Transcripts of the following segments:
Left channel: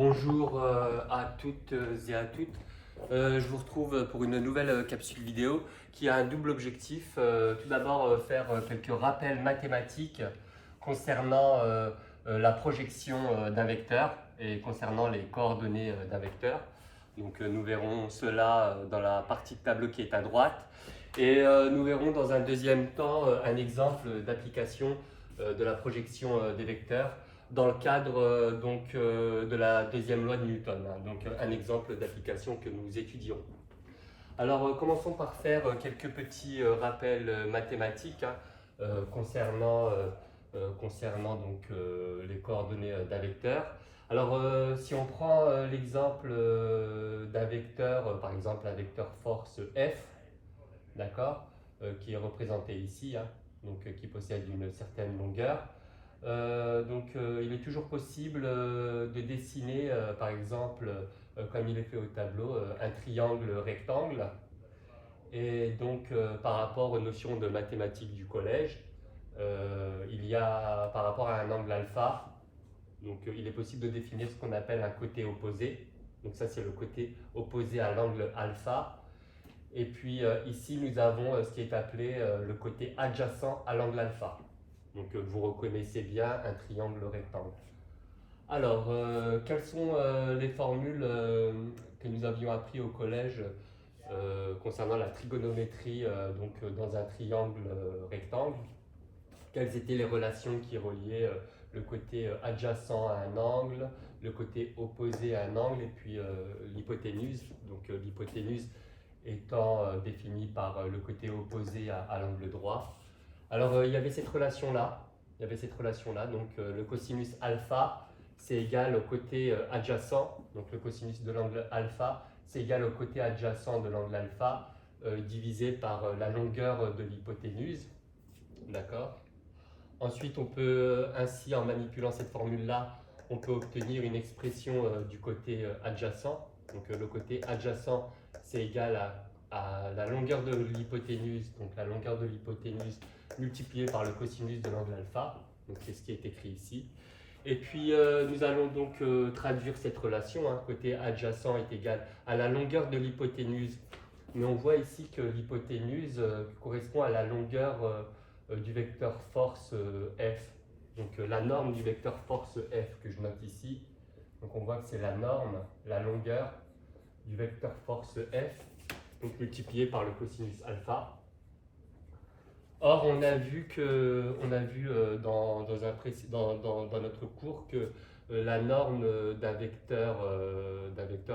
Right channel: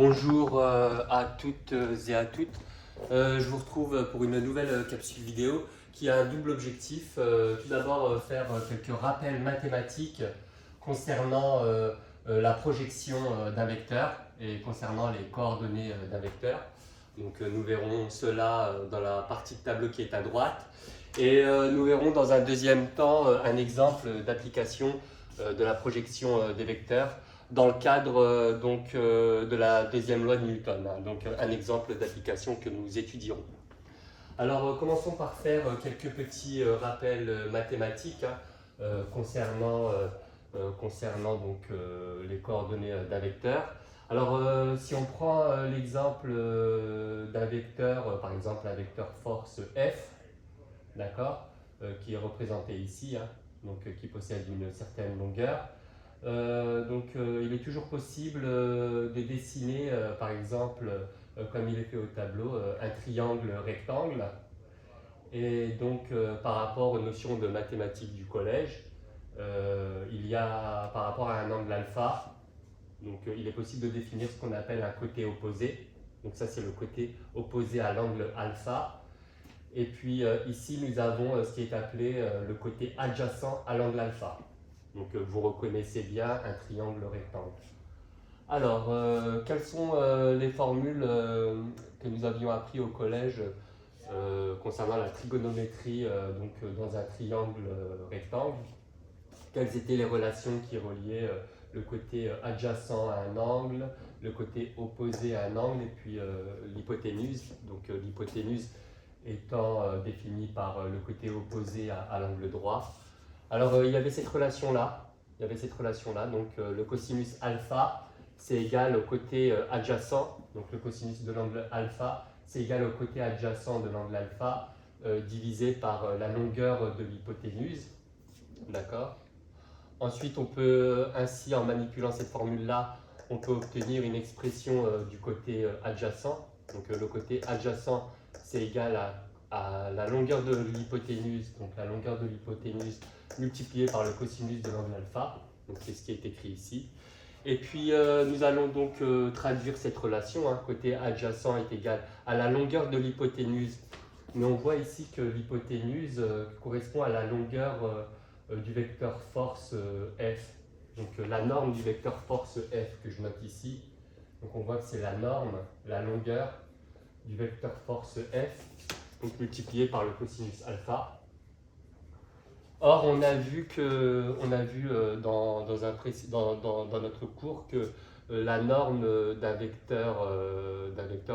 Bonjour à toutes et à toutes. Je vous retrouve pour une nouvelle capsule vidéo qui a un double objectif. Tout d'abord, faire quelques rappels mathématiques concernant la projection d'un vecteur et concernant les coordonnées d'un vecteur. Donc, nous verrons cela dans la partie de tableau qui est à droite. Et nous verrons dans un deuxième temps un exemple d'application de la projection des vecteurs dans le cadre de la deuxième loi de Newton, hein, donc un exemple d'application que nous étudierons. Alors commençons par faire quelques petits rappels mathématiques hein, concernant donc, les coordonnées d'un vecteur. Alors si on prend l'exemple d'un vecteur, par exemple un vecteur force F, d'accord, qui est représenté ici, hein, donc qui possède une certaine longueur. Il est toujours possible de dessiner, par exemple, comme il est fait au tableau, un triangle rectangle. Et donc, par rapport aux notions de mathématiques du collège, il y a, par rapport à un angle alpha, donc il est possible de définir ce qu'on appelle un côté opposé. Donc ça, c'est le côté opposé à l'angle alpha. Et puis ici, nous avons ce qui est appelé le côté adjacent à l'angle alpha. Donc vous reconnaissez bien un triangle rectangle. Alors, quelles sont les formules que nous avions appris au collège concernant la trigonométrie dans un triangle rectangle? Quelles étaient les relations qui reliaient le côté adjacent à un angle, le côté opposé à un angle et puis l'hypoténuse. Donc l'hypoténuse étant définie par le côté opposé à l'angle droit. Alors il y avait cette relation-là. Donc le cosinus alpha, c'est égal au côté adjacent. Donc le cosinus de l'angle alpha, c'est égal au côté adjacent de l'angle alpha divisé par la longueur de l'hypoténuse. D'accord. Ensuite, on peut ainsi, en manipulant cette formule-là, on peut obtenir une expression du côté adjacent. Donc le côté adjacent, c'est égal à la longueur de l'hypoténuse, donc la longueur de l'hypoténuse multipliée par le cosinus de l'angle alpha. Donc c'est ce qui est écrit ici. Et puis nous allons donc traduire cette relation. Hein, côté adjacent est égal à la longueur de l'hypoténuse. Mais on voit ici que l'hypoténuse correspond à la longueur du vecteur force F. Donc la norme du vecteur force F que je note ici. Donc on voit que c'est la norme, la longueur du vecteur force F, donc multiplié par le cosinus alpha. Or, on a vu dans notre cours que la norme d'un vecteur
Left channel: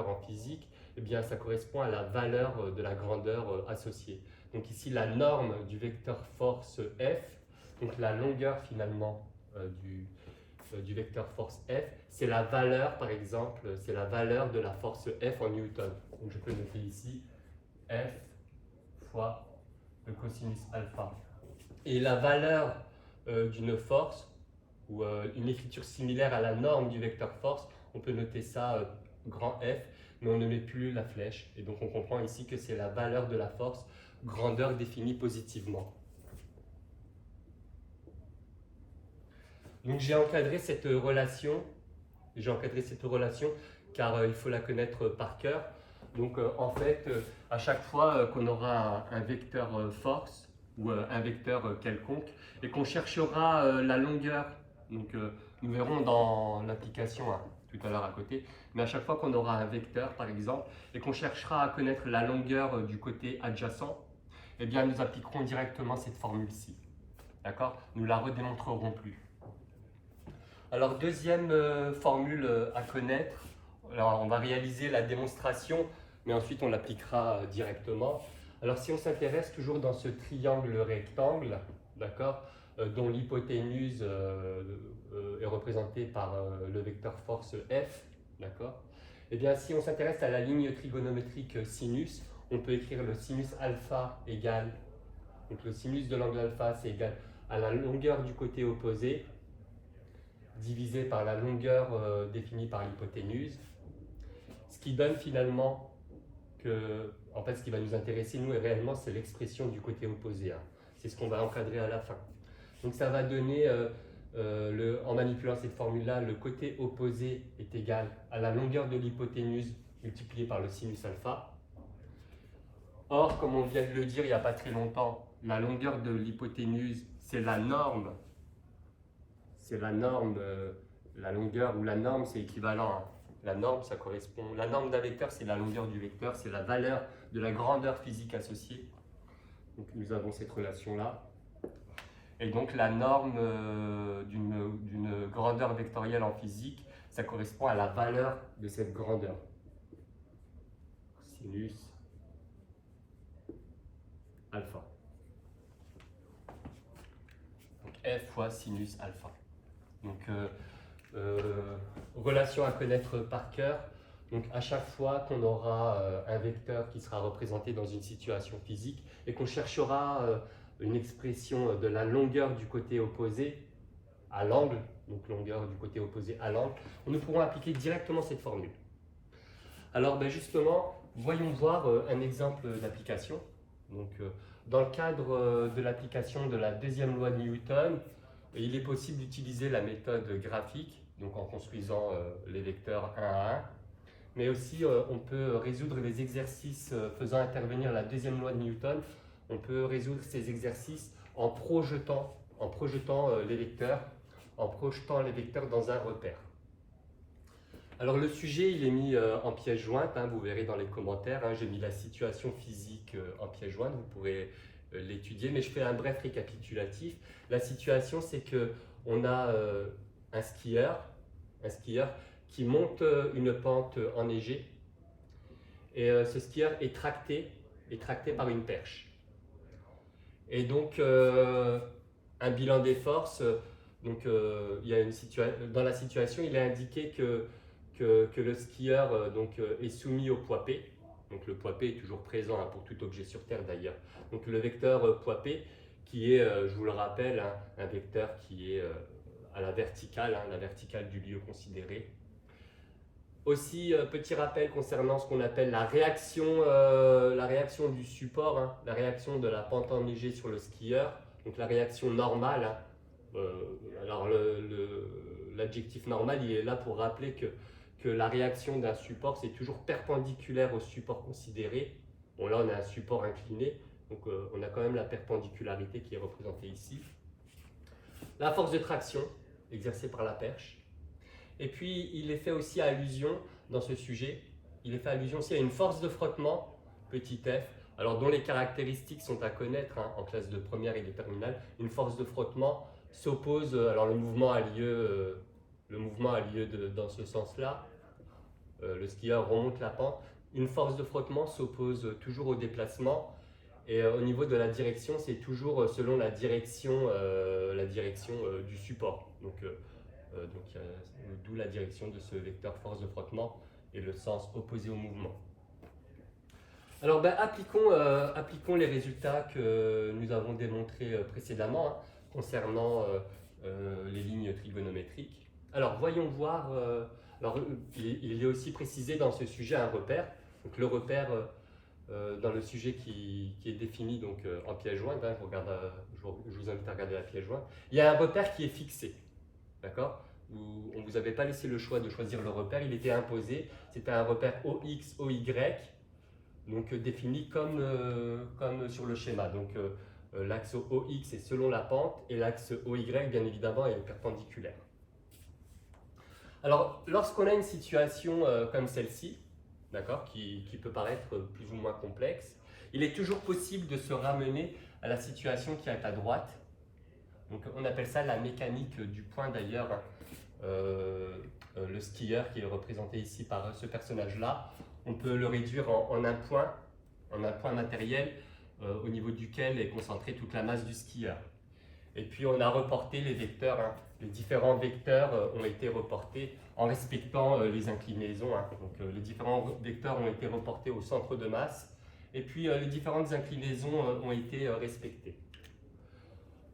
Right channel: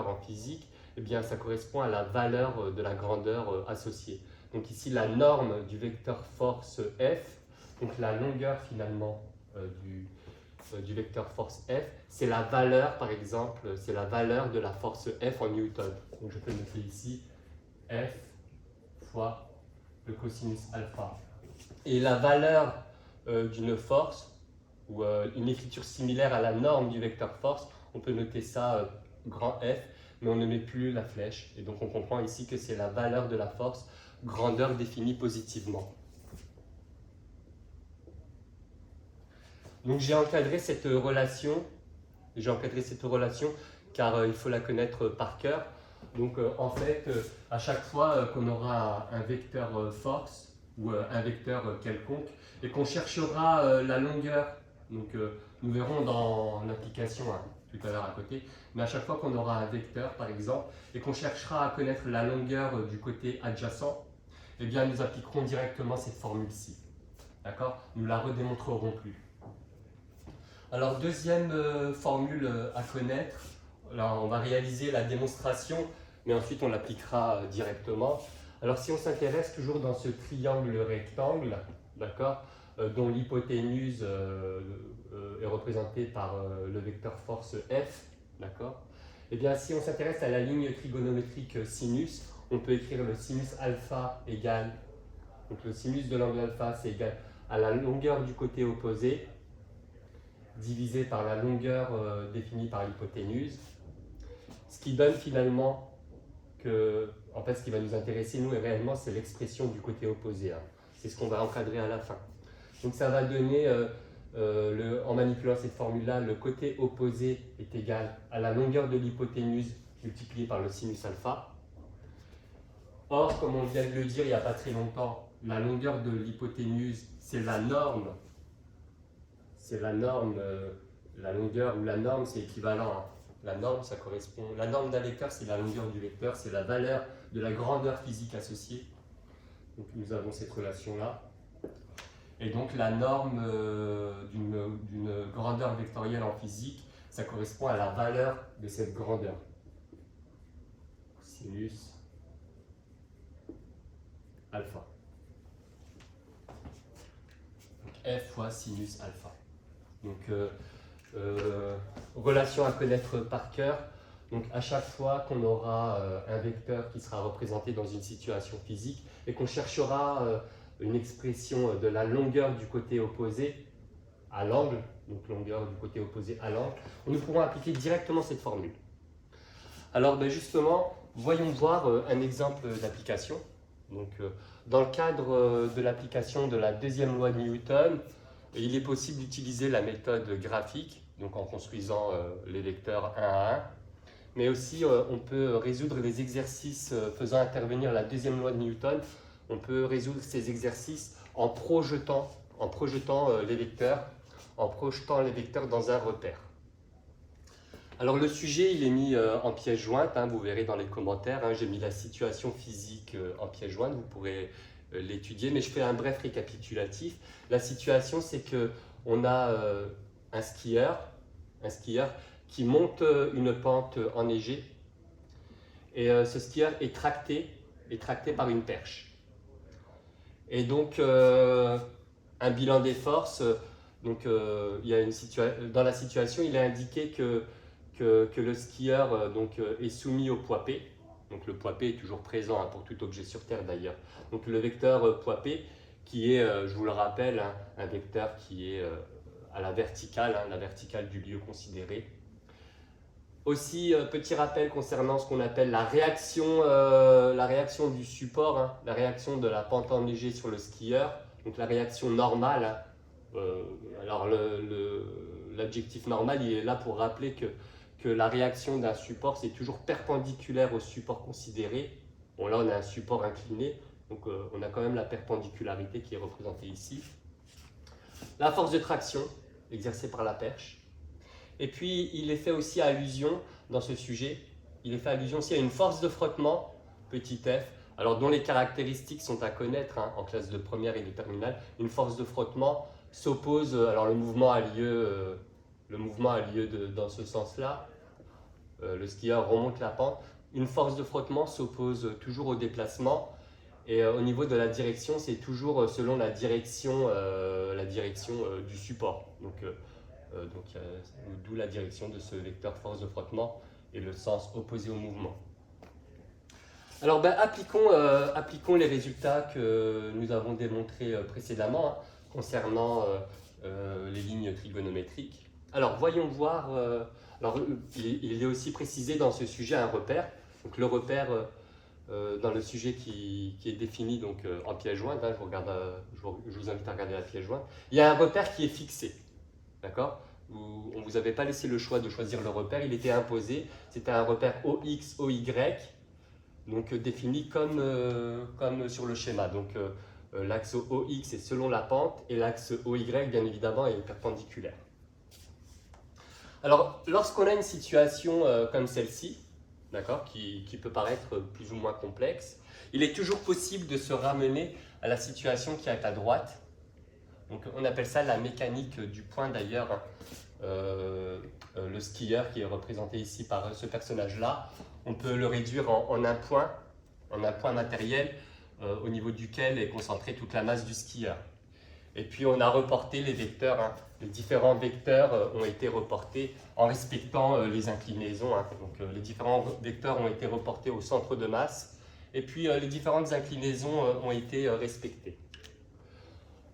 en physique, eh bien, ça correspond à la valeur de la grandeur associée. Donc ici, la norme du vecteur force F, donc la longueur finalement du vecteur force F, c'est la valeur, par exemple, c'est la valeur de la force F en Newton. Donc je peux noter ici F fois le cosinus alpha. Et la valeur d'une force, ou une écriture similaire à la norme du vecteur force, on peut noter ça grand F, mais on ne met plus la flèche. Et donc on comprend ici que c'est la valeur de la force, grandeur définie positivement. Donc j'ai encadré cette relation car il faut la connaître par cœur. Donc en fait, à chaque fois qu'on aura un vecteur force ou un vecteur quelconque et qu'on cherchera la longueur, donc nous verrons dans l'application hein, tout à l'heure à côté, mais à chaque fois qu'on aura un vecteur par exemple et qu'on cherchera à connaître la longueur du côté adjacent, eh bien nous appliquerons directement cette formule-ci. D'accord? Nous ne la redémontrerons plus. Alors, deuxième formule à connaître. Alors, on va réaliser la démonstration, mais ensuite on l'appliquera directement. Alors, si on s'intéresse toujours dans ce triangle rectangle, d'accord, dont l'hypoténuse est représentée par le vecteur force F, d'accord, eh bien, si on s'intéresse à la ligne trigonométrique sinus, on peut écrire le sinus alpha égale, donc le sinus de l'angle alpha, c'est égal à la longueur du côté opposé, divisé par la longueur définie par l'hypoténuse, ce qui donne finalement que, en fait, ce qui va nous intéresser, nous, et réellement, c'est l'expression du côté opposé. Hein. C'est ce qu'on va encadrer à la fin. Donc ça va donner en manipulant cette formule-là, le côté opposé est égal à la longueur de l'hypoténuse multipliée par le sinus alpha. Or, comme on vient de le dire il n'y a pas très longtemps, la longueur de l'hypoténuse, c'est la norme. C'est la norme, la longueur ou la norme, c'est équivalent. Hein. La norme, ça correspond. La norme d'un vecteur, c'est la longueur du vecteur, c'est la valeur de la grandeur physique associée. Donc, nous avons cette relation-là. Et donc, la norme d'une grandeur vectorielle en physique, ça correspond à la valeur de cette grandeur. Sinus alpha. Donc, F fois sinus alpha. Donc, relation à connaître par cœur. Donc, à chaque fois qu'on aura un vecteur qui sera représenté dans une situation physique et qu'on cherchera une expression de la longueur du côté opposé à l'angle, donc longueur du côté opposé à l'angle, nous pourrons appliquer directement cette formule. Alors, justement, voyons voir un exemple d'application. Donc, dans le cadre de l'application de la deuxième loi de Newton, il est possible d'utiliser la méthode graphique, donc en construisant les vecteurs un à un, mais aussi on peut résoudre les exercices faisant intervenir la deuxième loi de Newton. On peut résoudre ces exercices en projetant les vecteurs, dans un repère. Alors le sujet, il est mis en pièce jointe, hein, vous verrez dans les commentaires, hein, j'ai mis la situation physique en pièce jointe, vous pourrez l'étudier, mais je fais un bref récapitulatif. La situation, c'est qu'on a un skieur qui monte une pente enneigée, et ce skieur est tracté par une perche. Et donc, un bilan des forces, il y a dans la situation, il est indiqué que le skieur est soumis au poids P. Donc le poids P est toujours présent hein, pour tout objet sur Terre d'ailleurs. Donc le vecteur poids P qui est, je vous le rappelle, hein, un vecteur qui est à la verticale, hein, la verticale du lieu considéré. Aussi, petit rappel concernant ce qu'on appelle la réaction du support, hein, la réaction de la pente enneigée sur le skieur, donc la réaction normale. Hein. Alors l'adjectif normal, il est là pour rappeler que la réaction d'un support, c'est toujours perpendiculaire au support considéré. Bon, là, on a un support incliné, donc on a quand même la perpendicularité qui est représentée ici. La force de traction exercée par la perche. Et puis, il est fait aussi allusion dans ce sujet, il est fait allusion aussi à une force de frottement, petit f, alors dont les caractéristiques sont à connaître hein, en classe de première et de terminale. Une force de frottement s'oppose, alors le mouvement a lieu dans ce sens-là, le skieur remonte la pente. Une force de frottement s'oppose toujours au déplacement, et au niveau de la direction, c'est toujours selon la direction du support. D'où la direction de ce vecteur force de frottement et le sens opposé au mouvement. Alors appliquons les résultats que nous avons démontrés précédemment hein, concernant les lignes trigonométriques. Alors voyons voir, il est aussi précisé dans ce sujet un repère. Donc le repère dans le sujet qui est défini donc, en pièce jointe, hein, je vous invite à regarder la pièce jointe, il y a un repère qui est fixé. D'accord ? On ne vous avait pas laissé le choix de choisir le repère, il était imposé. C'était un repère OX, OY, donc défini comme sur le schéma. Donc l'axe OX est selon la pente et l'axe OY, bien évidemment, est perpendiculaire. Alors, lorsqu'on a une situation comme celle-ci, d'accord, qui peut paraître plus ou moins complexe, il est toujours possible de se ramener à la situation qui est à droite. Donc, on appelle ça la mécanique du point d'ailleurs. Le skieur qui est représenté ici par ce personnage-là, on peut le réduire en un point matériel au niveau duquel est concentrée toute la masse du skieur. Et puis on a reporté les vecteurs, hein. Les différents vecteurs ont été reportés en respectant les inclinaisons. Hein. Donc les différents vecteurs ont été reportés au centre de masse et puis les différentes inclinaisons ont été respectées.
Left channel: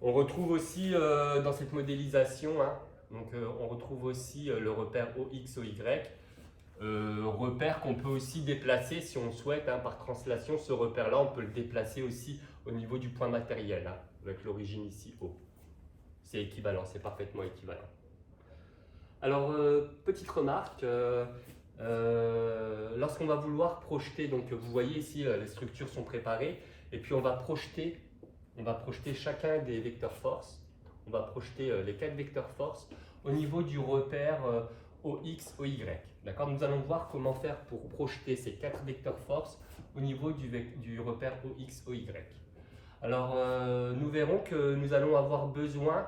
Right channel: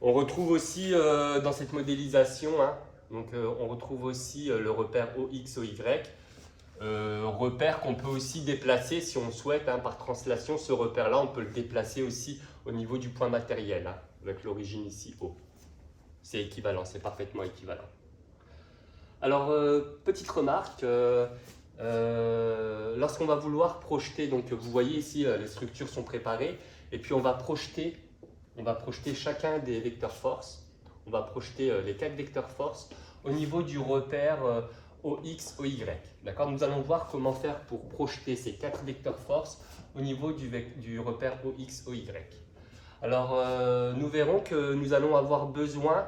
On retrouve aussi dans cette modélisation, hein, on retrouve aussi le repère OX, OY, repère qu'on peut aussi déplacer si on souhaite, hein, par translation. Ce repère-là, on peut le déplacer aussi au niveau du point matériel, hein, avec l'origine ici O. C'est équivalent, c'est parfaitement équivalent. Alors, petite remarque, lorsqu'on va vouloir projeter, donc vous voyez ici, les structures sont préparées, et puis on va projeter chacun des vecteurs force, on va projeter les 4 vecteurs force au niveau du repère OX, OY. D'accord? Nous allons voir comment faire pour projeter ces 4 vecteurs force au niveau du repère OX, OY. Alors, nous verrons que nous allons avoir besoin,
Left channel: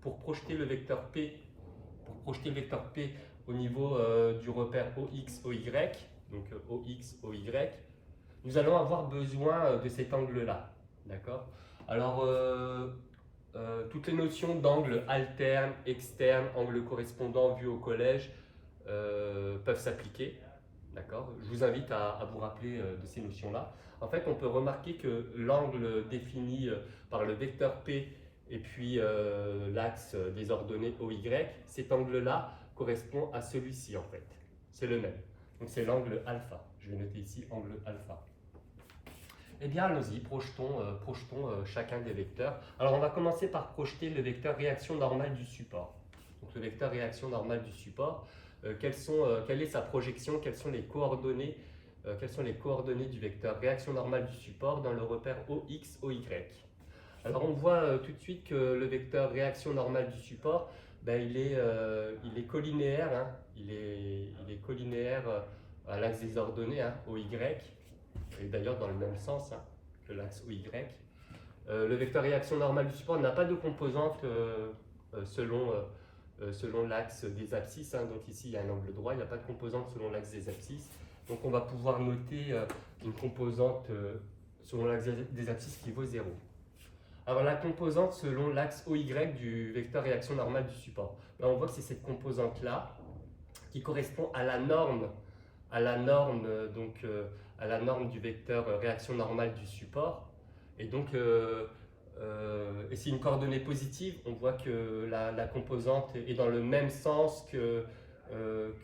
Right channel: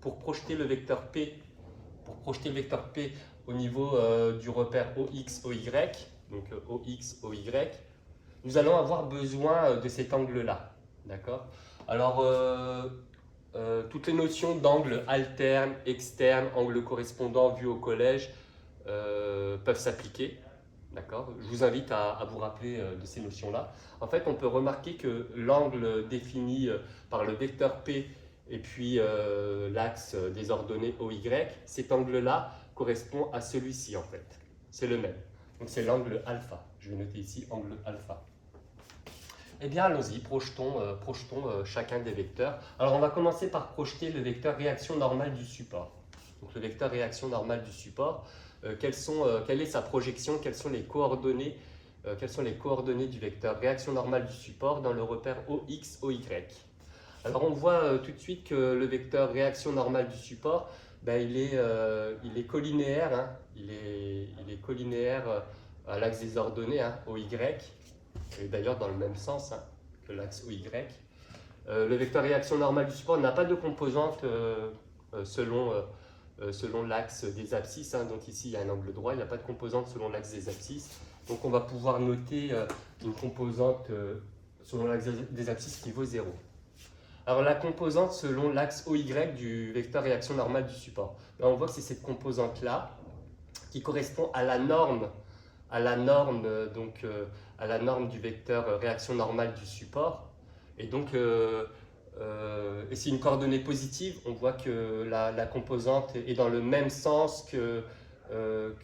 pour projeter le vecteur P, au niveau du repère OX, OY, donc OX, OY, nous allons avoir besoin de cet angle-là. D'accord? Alors, toutes les notions d'angle alterne, externe, angle correspondant vu au collège peuvent s'appliquer. D'accord? Je vous invite à vous rappeler de ces notions-là. En fait, on peut remarquer que l'angle défini par le vecteur P et puis l'axe des ordonnées OY, cet angle-là correspond à celui-ci en fait. C'est le même. Donc c'est l'angle alpha. Je vais noter ici angle alpha. Eh bien, allons-y, projetons chacun des vecteurs. Alors, on va commencer par projeter le vecteur réaction normale du support. Donc, le vecteur réaction normale du support, quelle est sa projection, quelles sont les coordonnées du vecteur réaction normale du support dans le repère OX, OY. Alors, on voit tout de suite que le vecteur réaction normale du support, ben, il est collinéaire, hein, il est collinéaire à l'axe des ordonnées, hein, OY, et d'ailleurs dans le même sens hein, que l'axe OY. Le vecteur réaction normale du support n'a pas de composante selon l'axe des abscisses, hein, donc ici il y a un angle droit, il n'y a pas de composante selon l'axe des abscisses, donc on va pouvoir noter une composante selon l'axe des abscisses qui vaut 0. Alors la composante selon l'axe OY du vecteur réaction normale du support, là, on voit que c'est cette composante-là qui correspond à la norme du vecteur réaction normale du support. Et donc, et c'est une coordonnée positive. On voit que la composante est dans le même sens que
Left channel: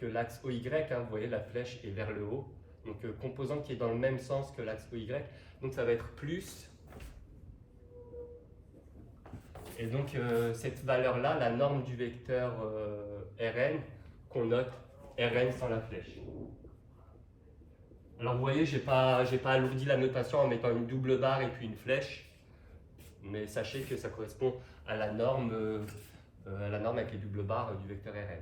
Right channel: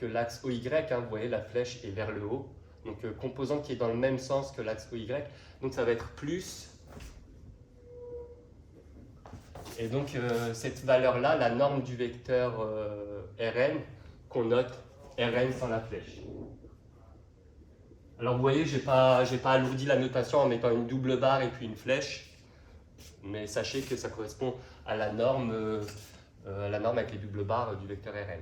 l'axe OY. Hein, vous voyez, la flèche est vers le haut. Donc, composante qui est dans le même sens que l'axe OY. Donc, ça va être plus. Et donc, cette valeur-là, la norme du vecteur Rn, qu'on note Rn sans la flèche. Alors vous voyez, je n'ai pas alourdi la notation en mettant une double barre et puis une flèche, mais sachez que ça correspond à la norme avec les doubles barres du vecteur Rn.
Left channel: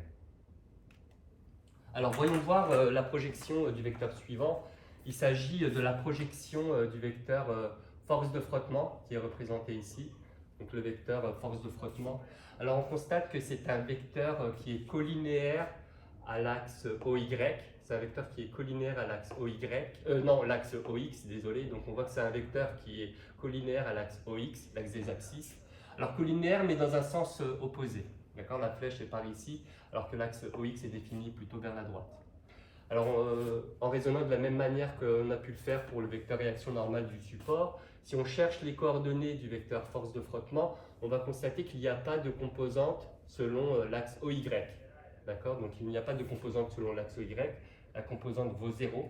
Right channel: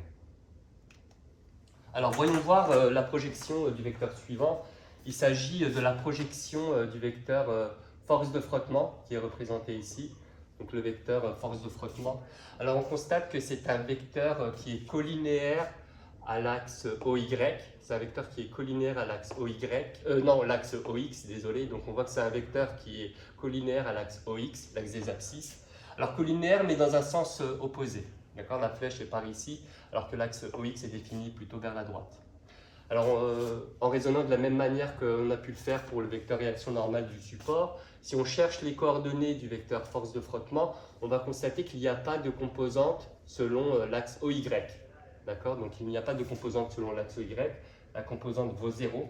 Alors voyons voir la projection du vecteur suivant. Il s'agit de la projection du vecteur force de frottement qui est représenté ici, donc le vecteur force de frottement. Alors on constate que c'est un vecteur qui est collinéaire à l'axe OY. C'est un vecteur qui est collinéaire à l'axe OY, l'axe OX, désolé. Donc on voit que c'est un vecteur qui est collinéaire à l'axe OX, l'axe des abscisses. Alors collinéaire, mais dans un sens opposé. D'accord, la flèche est par ici, alors que l'axe OX est défini plutôt vers la droite. Alors en raisonnant de la même manière qu'on a pu le faire pour le vecteur réaction normale du support, si on cherche les coordonnées du vecteur force de frottement, on va constater qu'il n'y a pas de composante selon l'axe OY. D'accord, donc il n'y a pas de composante selon l'axe OY. La composante vaut 0.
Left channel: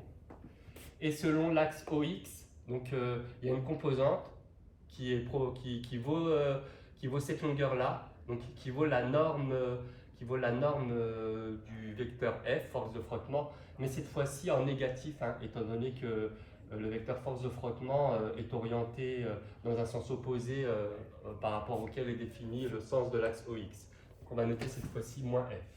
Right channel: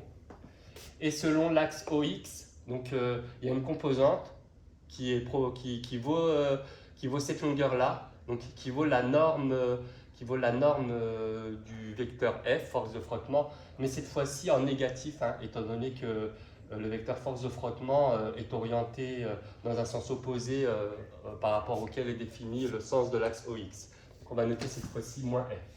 Et selon l'axe OX, donc il y a une composante qui vaut cette longueur-là, donc qui vaut la norme du vecteur F, force de frottement, mais cette fois-ci en négatif, hein, étant donné que le vecteur force de frottement est orienté dans un sens opposé par rapport auquel est défini le sens de l'axe OX. Donc on va noter cette fois-ci moins F.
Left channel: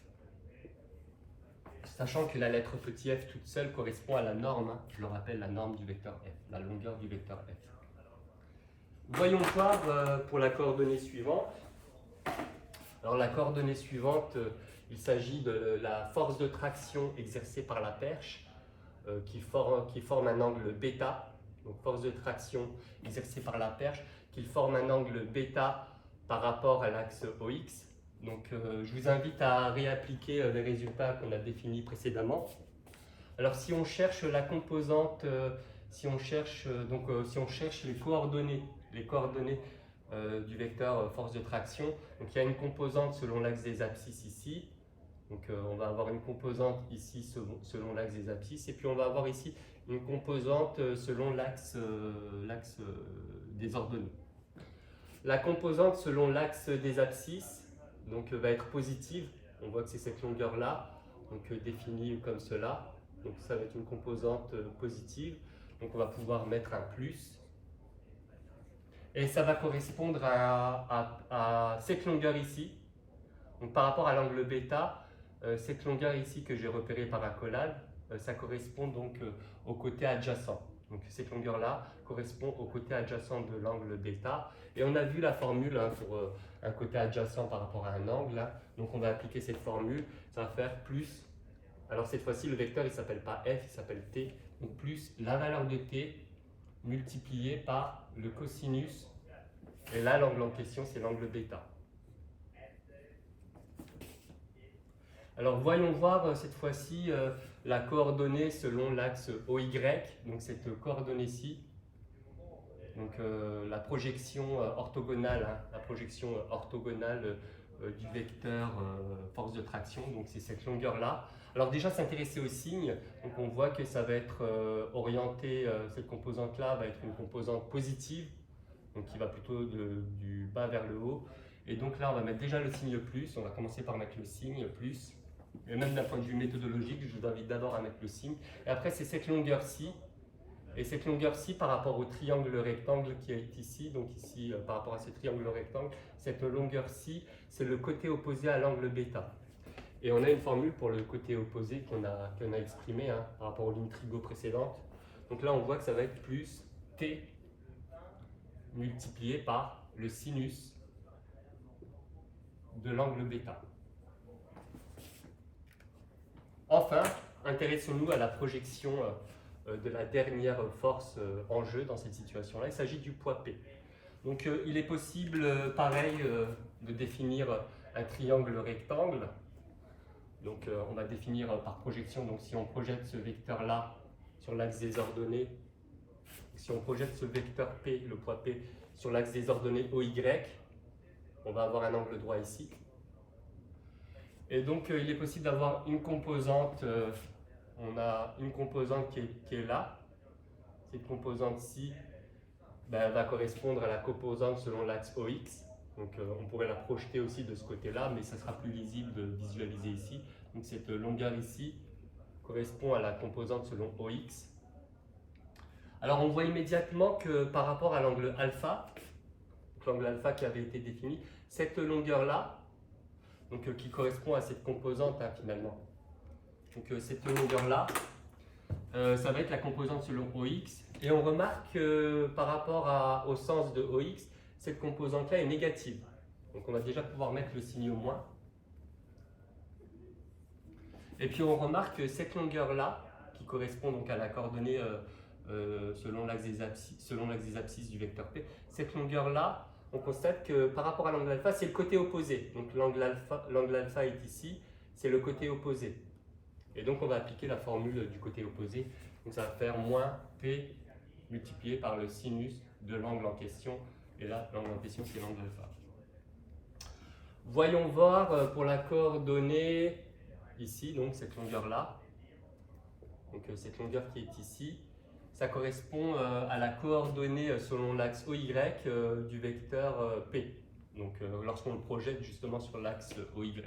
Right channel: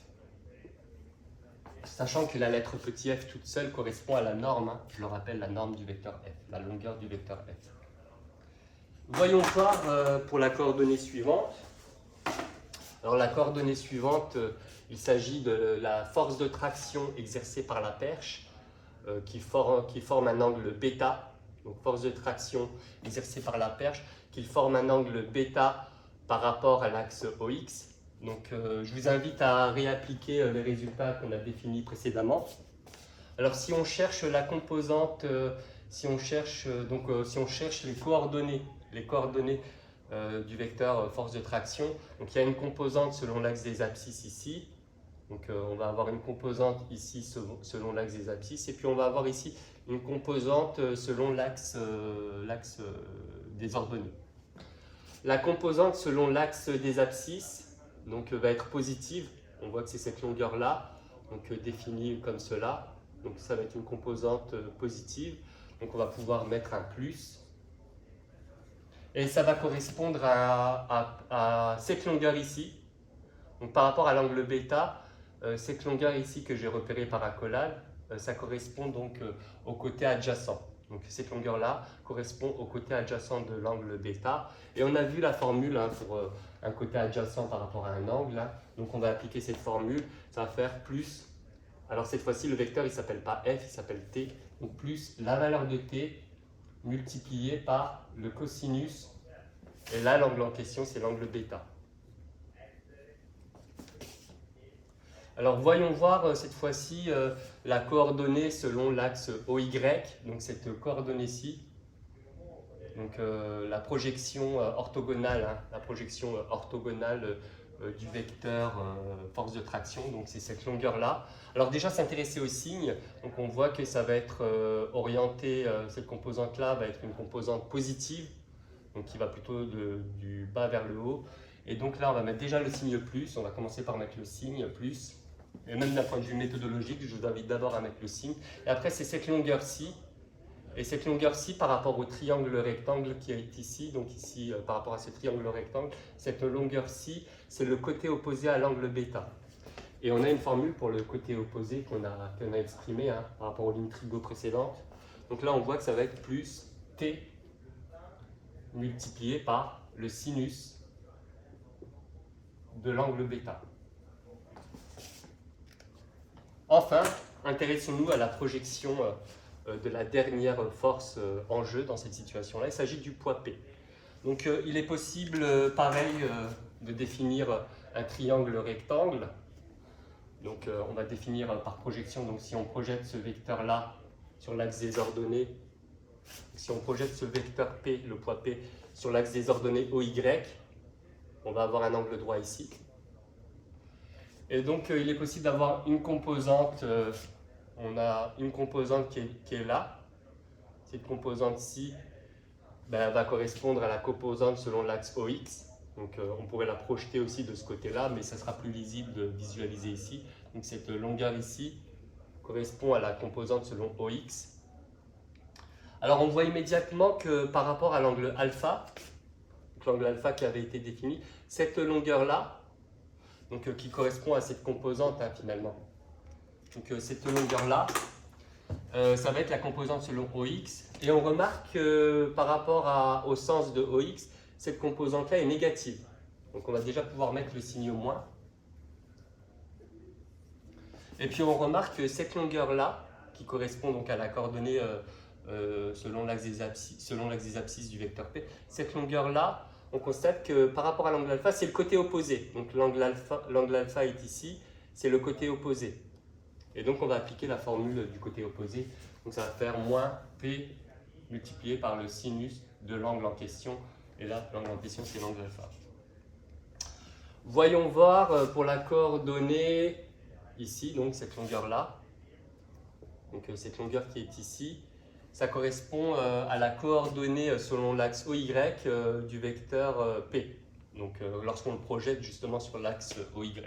Sachant que la lettre petit f toute seule correspond à la norme, hein, je le rappelle, la norme du vecteur f, la longueur du vecteur f. Voyons voir pour la coordonnée suivante. Alors la coordonnée suivante, il s'agit de la force de traction exercée par la perche qui forme un angle bêta. Donc force de traction exercée par la perche qui forme un angle bêta par rapport à l'axe OX. Donc, je vous invite à réappliquer les résultats qu'on a définis précédemment. Alors, si on cherche la composante, si on cherche les coordonnées du vecteur force de traction, donc il y a une composante selon l'axe des abscisses ici. Donc, on va avoir une composante ici selon l'axe des abscisses, et puis on va avoir ici une composante selon l'axe des ordonnées. La composante selon l'axe des abscisses donc, va être positive. On voit que c'est cette longueur-là, donc définie comme cela. Donc ça va être une composante positive. Donc on va pouvoir mettre un plus. Et ça va correspondre à cette longueur ici. Donc par rapport à l'angle bêta, cette longueur ici que j'ai repérée par accolade, ça correspond donc au côté adjacent. Donc cette longueur-là correspond au côté adjacent de l'angle bêta. Et on a vu la formule hein, pour un côté adjacent par rapport à un angle. Hein. Donc on va appliquer cette formule, ça va faire plus. Alors cette fois-ci, le vecteur, il ne s'appelle pas f, il s'appelle t. Donc plus la valeur de t multiplié par le cosinus. Et là, l'angle en question, c'est l'angle bêta. Alors voyons voir cette fois-ci la coordonnée selon l'axe OY, donc cette coordonnée-ci, donc la projection orthogonale, hein, la projection orthogonale du vecteur force de traction, donc c'est cette longueur-là. Alors déjà s'intéresser au signe, donc on voit que ça va être orienté, cette composante-là va être une composante positive, donc qui va plutôt du bas vers le haut. Et donc là on va mettre déjà le signe plus, on va commencer par mettre le signe plus. Et même d'un point de vue méthodologique, je vous invite d'abord à mettre le signe. Et après, c'est cette longueur-ci. Et cette longueur-ci, par rapport au triangle rectangle qui est ici, donc ici, par rapport à ce triangle rectangle, cette longueur-ci, c'est le côté opposé à l'angle bêta. Et on a une formule pour le côté opposé qu'on a exprimé hein, par rapport aux lignes trigo précédentes. Donc là, on voit que ça va être plus t multiplié par le sinus de l'angle bêta. Enfin, intéressons-nous à la projection de la dernière force en jeu dans cette situation-là. Il s'agit du poids P. Donc il est possible, pareil, de définir un triangle rectangle. Donc on va définir par projection, donc si on projette ce vecteur-là sur l'axe des ordonnées, si on projette ce vecteur P, le poids P, sur l'axe des ordonnées OY, on va avoir un angle droit ici. Et donc, il est possible d'avoir une composante, on a une composante qui est là. Cette composante-ci va correspondre à la composante selon l'axe OX. Donc, on pourrait la projeter aussi de ce côté-là, mais ça sera plus lisible de visualiser ici. Donc, cette longueur ici correspond à la composante selon OX. Alors, on voit immédiatement que par rapport à l'angle alpha, l'angle alpha qui avait été défini, cette longueur-là, donc, qui correspond à cette composante hein, finalement. Donc cette longueur-là, ça va être la composante selon OX. Et on remarque que par rapport au sens de OX, cette composante-là est négative. Donc on va déjà pouvoir mettre le signe moins. Et puis on remarque que cette longueur-là, qui correspond donc à la coordonnée selon l'axe des abscisses du vecteur P, cette longueur-là, on constate que par rapport à l'angle alpha, c'est le côté opposé. Donc l'angle alpha est ici, c'est le côté opposé. Et donc on va appliquer la formule du côté opposé. Donc ça va faire moins P multiplié par le sinus de l'angle en question. Et là, l'angle en question, c'est l'angle alpha. Voyons voir pour la coordonnée ici, donc cette longueur-là. Donc cette longueur qui est ici. Ça correspond à la coordonnée selon l'axe OY du vecteur P, donc lorsqu'on le projette justement sur l'axe OY.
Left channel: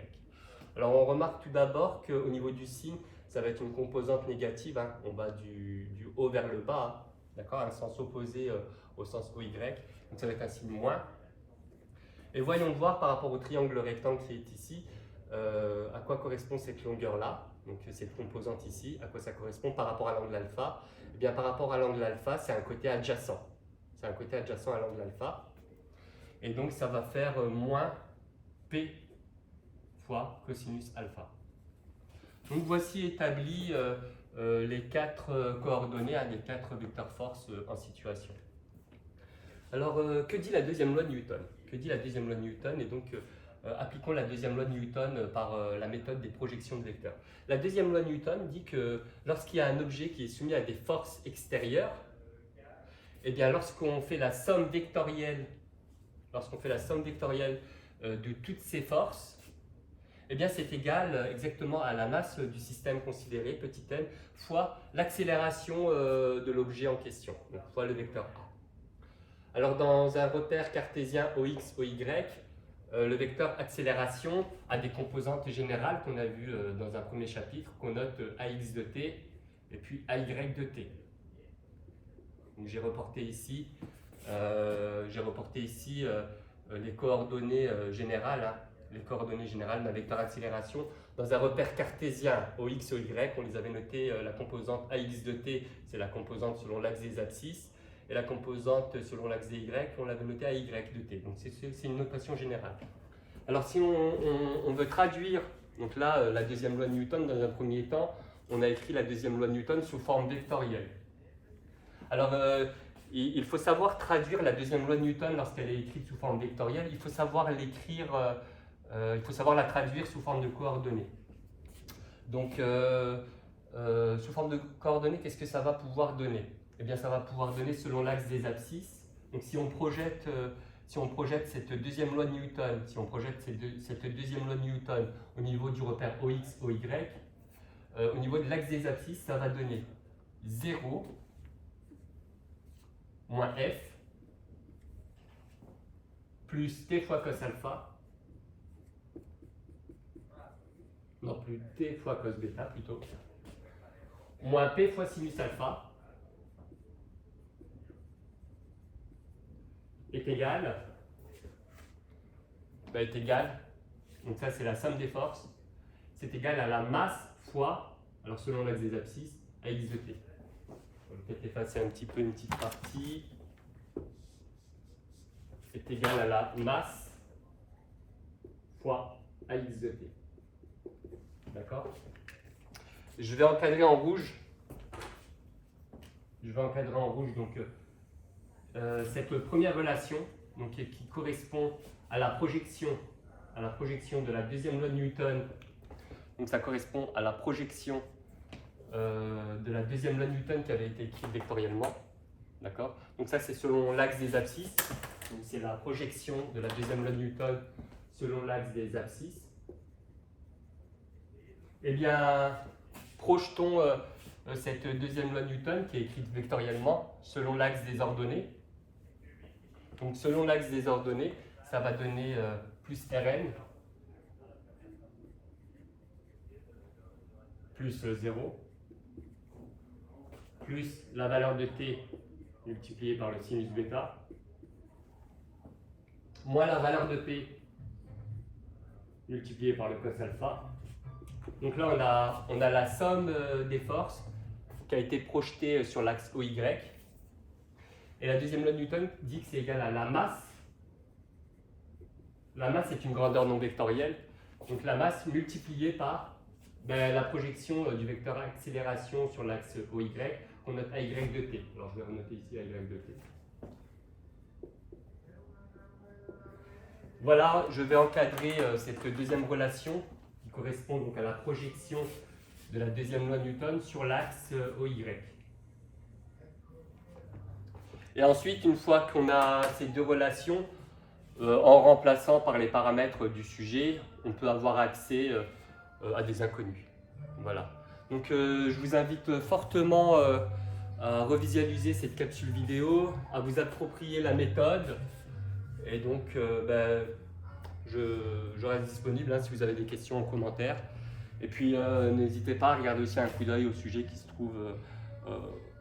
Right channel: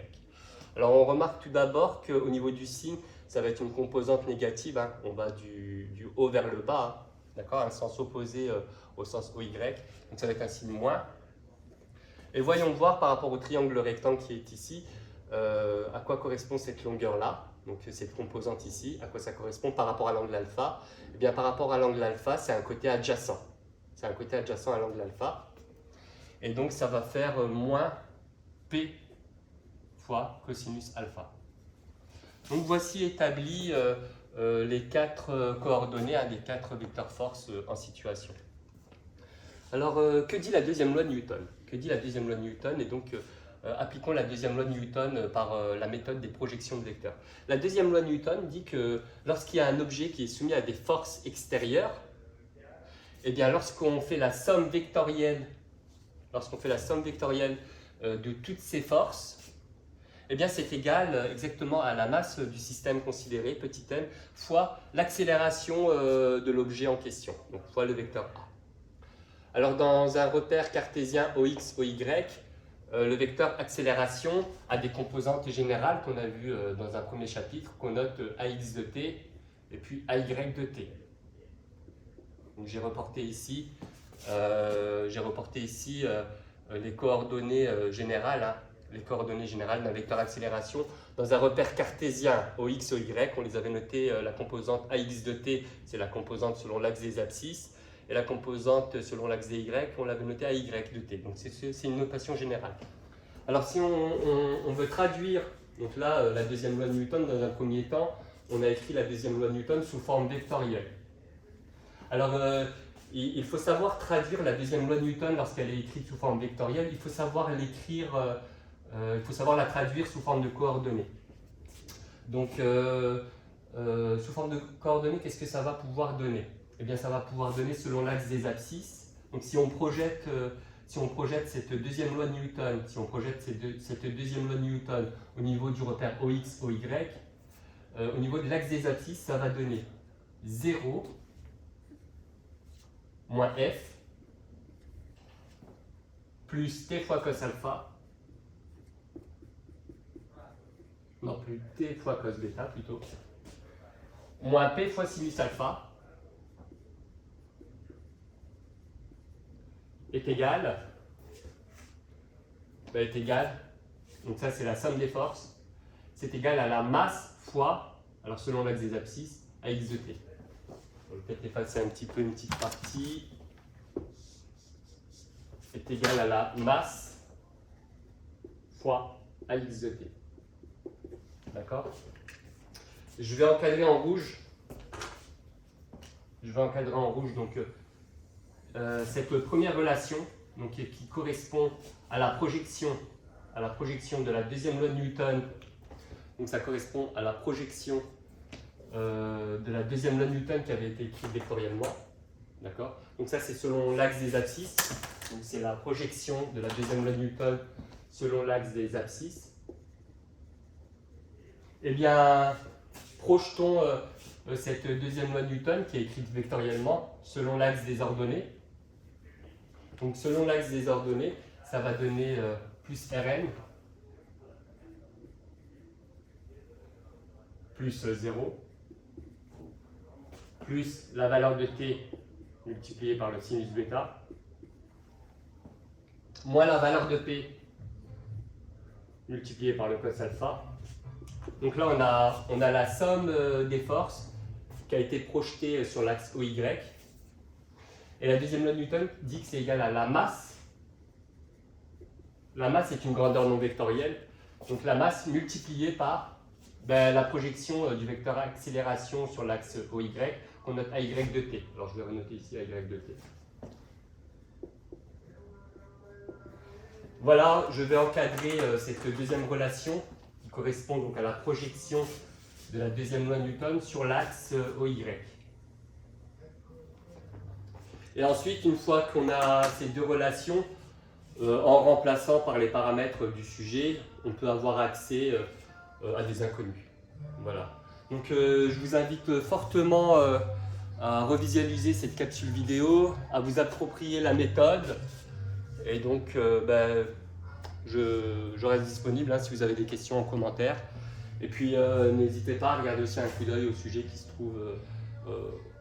Alors on remarque tout d'abord qu'au niveau du signe, ça va être une composante négative, hein. On va du haut vers le bas, hein. D'accord, un sens opposé au sens OY, donc ça va être un signe moins. Et voyons voir par rapport au triangle rectangle qui est ici, à quoi correspond cette longueur-là. Donc cette composante ici, à quoi ça correspond par rapport à l'angle alpha? Eh bien par rapport à l'angle alpha, c'est un côté adjacent. C'est un côté adjacent à l'angle alpha. Et donc ça va faire moins P fois cosinus alpha. Donc voici établi les quatre coordonnées à des quatre vecteurs force en situation. Alors que dit la deuxième loi de Newton? Que dit la deuxième loi de Newton? Et donc appliquons la deuxième loi de Newton par la méthode des projections de vecteurs. La deuxième loi de Newton dit que lorsqu'il y a un objet qui est soumis à des forces extérieures, eh bien lorsqu'on fait la somme vectorielle, de toutes ces forces, eh bien c'est égal exactement à la masse du système considéré, petit m, fois l'accélération de l'objet en question, donc fois le vecteur A. Alors dans un repère cartésien OX, OY, le vecteur accélération a des composantes générales qu'on a vues dans un premier chapitre, qu'on note AX de t et puis AY de t. J'ai reporté ici, les coordonnées générales, hein, les coordonnées générales d'un vecteur accélération. Dans un repère cartésien OX, OY, on les avait noté, la composante AX de t, c'est la composante selon l'axe des abscisses, et la composante selon l'axe des Y, on l'avait noté AY de t. Donc c'est une notation générale. Alors si on veut traduire, donc là, la deuxième loi de Newton, dans un premier temps, on a écrit la deuxième loi de Newton sous forme vectorielle. Alors, il faut savoir traduire la deuxième loi de Newton lorsqu'elle est écrite sous forme vectorielle. Il faut savoir l'écrire, il faut savoir la traduire sous forme de coordonnées. Donc, sous forme de coordonnées, qu'est-ce que ça va pouvoir donner? Eh bien, ça va pouvoir donner selon l'axe des abscisses. Donc, si on projette cette deuxième loi de Newton, cette deuxième loi de Newton au niveau du repère OX, OY, au niveau de l'axe des abscisses, ça va donner 0 moins f plus t fois cos alpha, non plus t fois cos bêta plutôt, moins p fois sinus alpha est égal, donc ça c'est la somme des forces, c'est égal à la masse fois, alors selon l'axe des abscisses, à x de t. On va peut-être effacer un petit peu une petite partie. Est égal à la masse fois AX de t. D'accord? Je vais encadrer en rouge. Donc cette première relation donc, qui correspond à la projection de la deuxième loi de Newton. Donc ça correspond à la projection de la deuxième loi de Newton qui avait été écrite vectoriellement. D'accord? Donc ça c'est selon l'axe des abscisses. Donc c'est la projection de la deuxième loi de Newton selon l'axe des abscisses. Eh bien, projetons cette deuxième loi de Newton qui est écrite vectoriellement selon l'axe des ordonnées. Donc selon l'axe des ordonnées, ça va donner plus Rn plus 0 plus la valeur de t multipliée par le sinus bêta moins la valeur de p multipliée par le cos alpha. Donc là, on a la somme des forces qui a été projetée sur l'axe OY. Et la deuxième loi de Newton dit que c'est égal à la masse. La masse est une grandeur non vectorielle. Donc la masse multipliée par la projection du vecteur accélération sur l'axe OY, qu'on note AY de t. Alors je vais renoter ici AY de t. Voilà, je vais encadrer cette deuxième relation qui correspond donc à la projection de la deuxième loi de Newton sur l'axe OY. Et ensuite, une fois qu'on a ces deux relations, en remplaçant par les paramètres du sujet, on peut avoir accès à des inconnus. Voilà. Donc je vous invite fortement à revisualiser cette capsule vidéo, à vous approprier la méthode. Et donc, je reste disponible si vous avez des questions en commentaire. Et puis, n'hésitez pas à regarder aussi un coup d'œil au sujet qui se trouve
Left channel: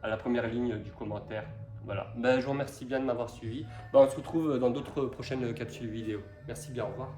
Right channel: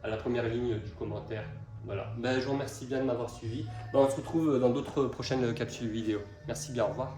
à la première ligne du commentaire. Voilà. Je vous remercie bien de m'avoir suivi. On se retrouve dans d'autres prochaines capsules vidéo. Merci bien, au revoir.